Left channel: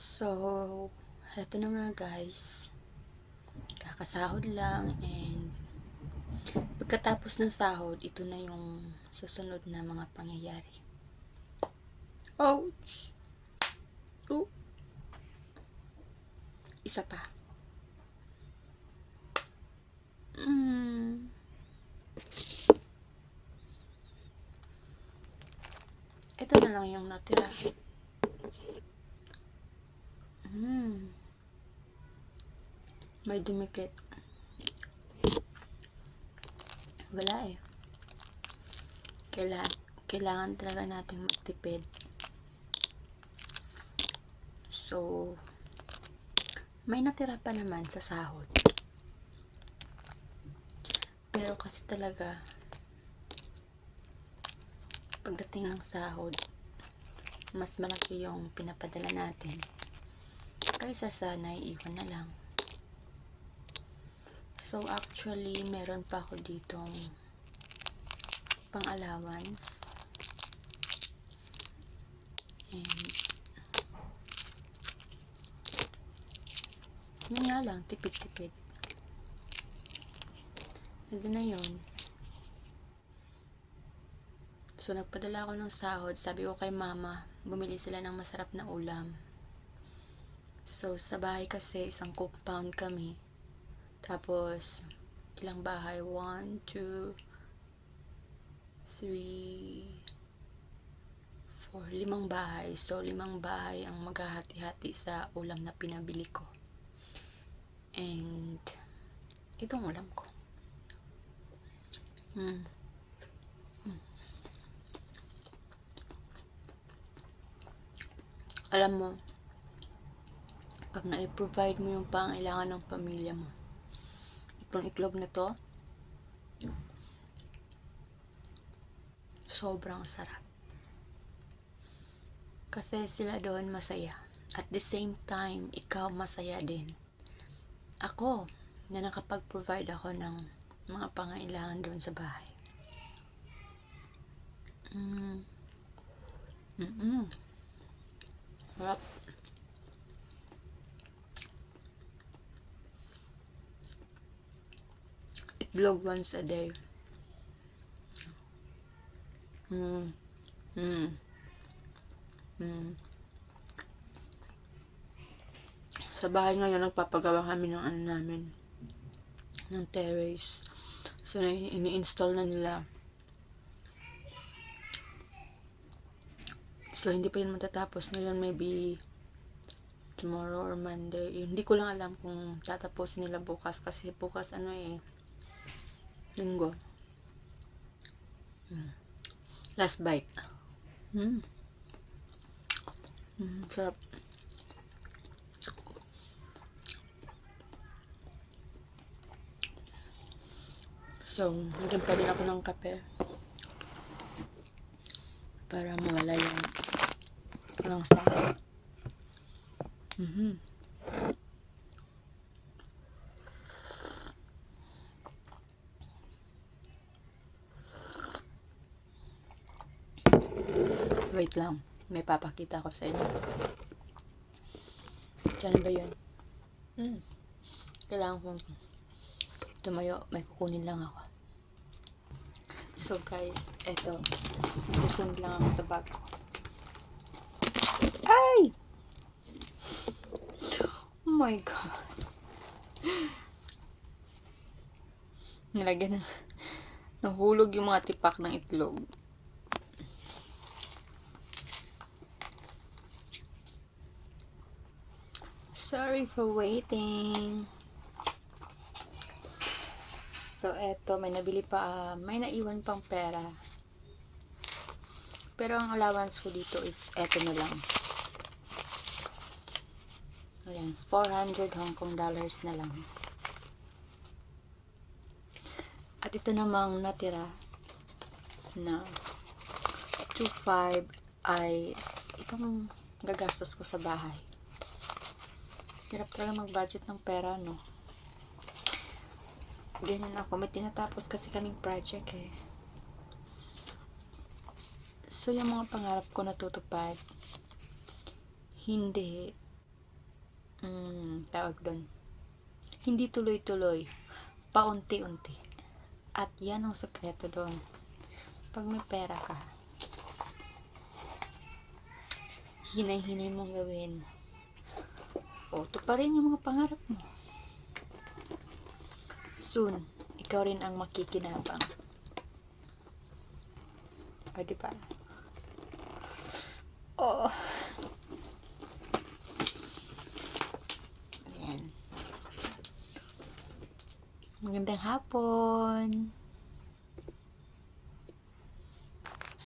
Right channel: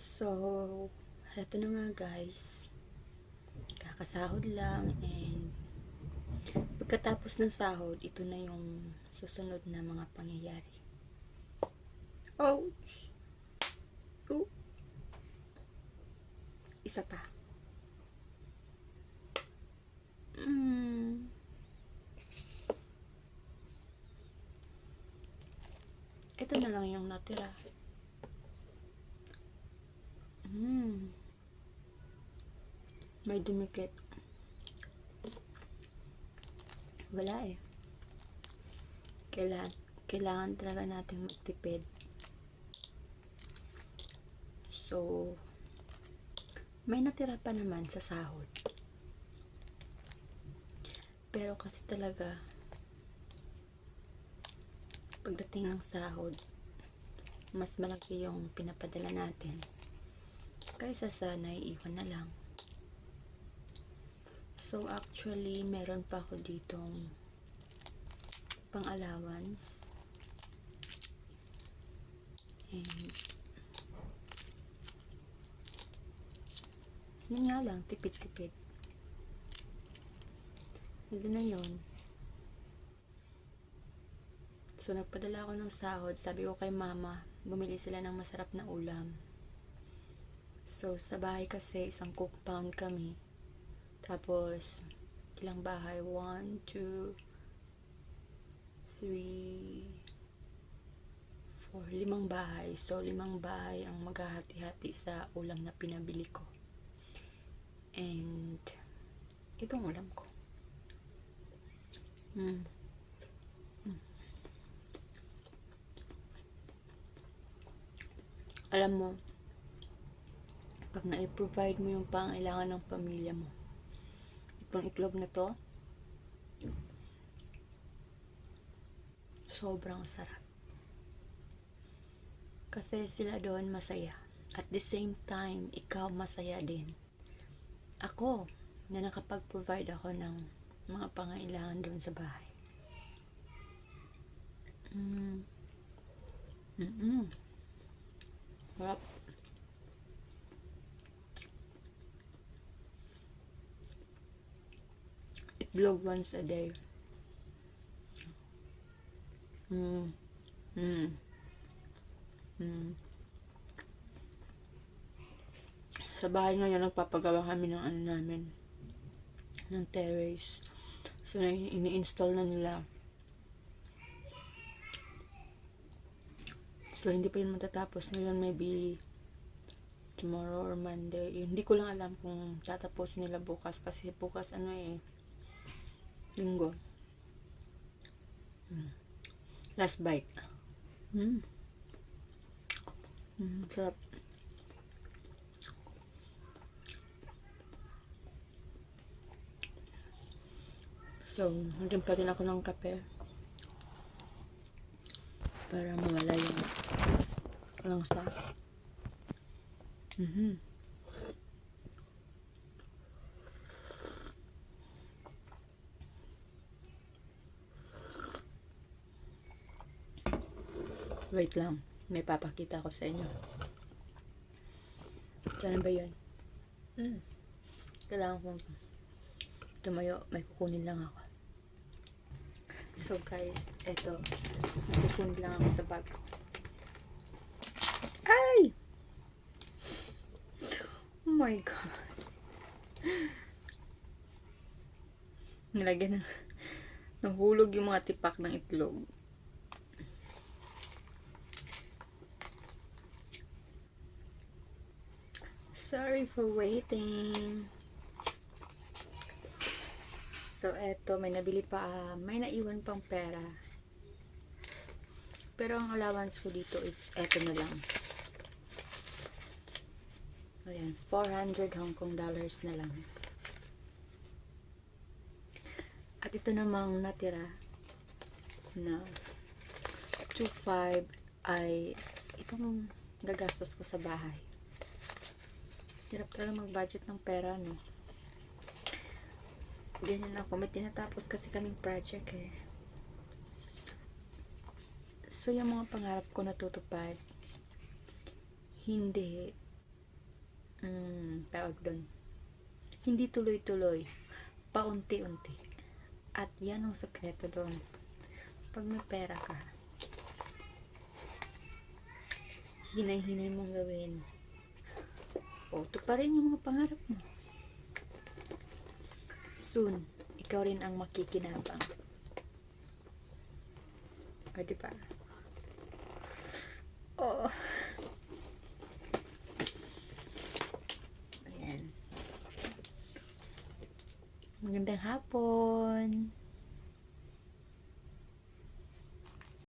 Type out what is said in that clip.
So, eto na nga guys. Kakasahod lang and pagkatapos ng sahod, ito na yung susunod na mga pangyayari. Ouch! Oh, isa pa. Ito na lang yung natira. May dumikit. Wala eh. Kailangan talaga natin magtipid. So, may natira pa naman sa sahod. Pero kasi talaga, pagdating ng sahod, mas malaki yung pinapadala natin kaysa sa naiiwan na lang. So actually, meron pa ako ditong pang allowance and yun nga lang, tipid-tipid. Ito na yun. So nagpadala ako ng sahod, sabi ko kay mama, bumili sila ng masarap na ulam. So sa bahay kasi, isang compound kami. Tapos, ilang bahay? 1, 2, 3, 4, 5 bahay. So, 5 bahay ang maghahati-hati sa ulam na pinabili ko. And, itong ulam ko. Alam mo, pag na-provide mo yung pangailangan ng pamilya mo, itong itlog na to, sobrang sarap. Kasi sila doon masaya. At the same time, ikaw masaya din. Ako, na nakapag-provide ako ng mga pangailangan doon sa bahay. Sarap. Itlog once a day. Sa bahay ngayon, nagpapagawa kami ng ano namin, ng terrace. So, ini-install na nila. So, hindi pa yun matatapos. Ngayon, maybe tomorrow or Monday. Hindi ko lang alam kung tatapos nila bukas. Kasi bukas, Linggo. Last bite. Sarap. So, nagyan pa rin ako ng kape. Para mawala yung walang sakit. Wait lang. May papakita ko sa inyo. Saan ba yun? Kailangan kong tumayo. May kukunin lang ako. So guys, eto. May kukunin lang ako sa bag ko. Ay! Oh my God. Nilagyan ng nahulog yung mga tipak ng itlog. Sorry for waiting. So, eto, may nabili pa, may naiwan pang pera. Pero ang allowance ko dito is eto na lang. Ayan, 400 Hong Kong dollars na lang. At ito namang natira na 2.5 ay itong gagastos ko sa bahay. Hirap talaga mag-budget ng pera, no? Ganyan ako. May tinatapos kasi kaming project eh. So, yung mga pangarap ko natutupad, hindi. tawag doon, hindi tuloy-tuloy, paunti-unti. At yan ang sekreto doon. Pag may pera ka, hinay-hinay mong gawin. O, tuparin yung mga pangarap mo. Soon, ikaw rin ang makikinabang. O, diba? Oo. Ayan. Magandang hapon.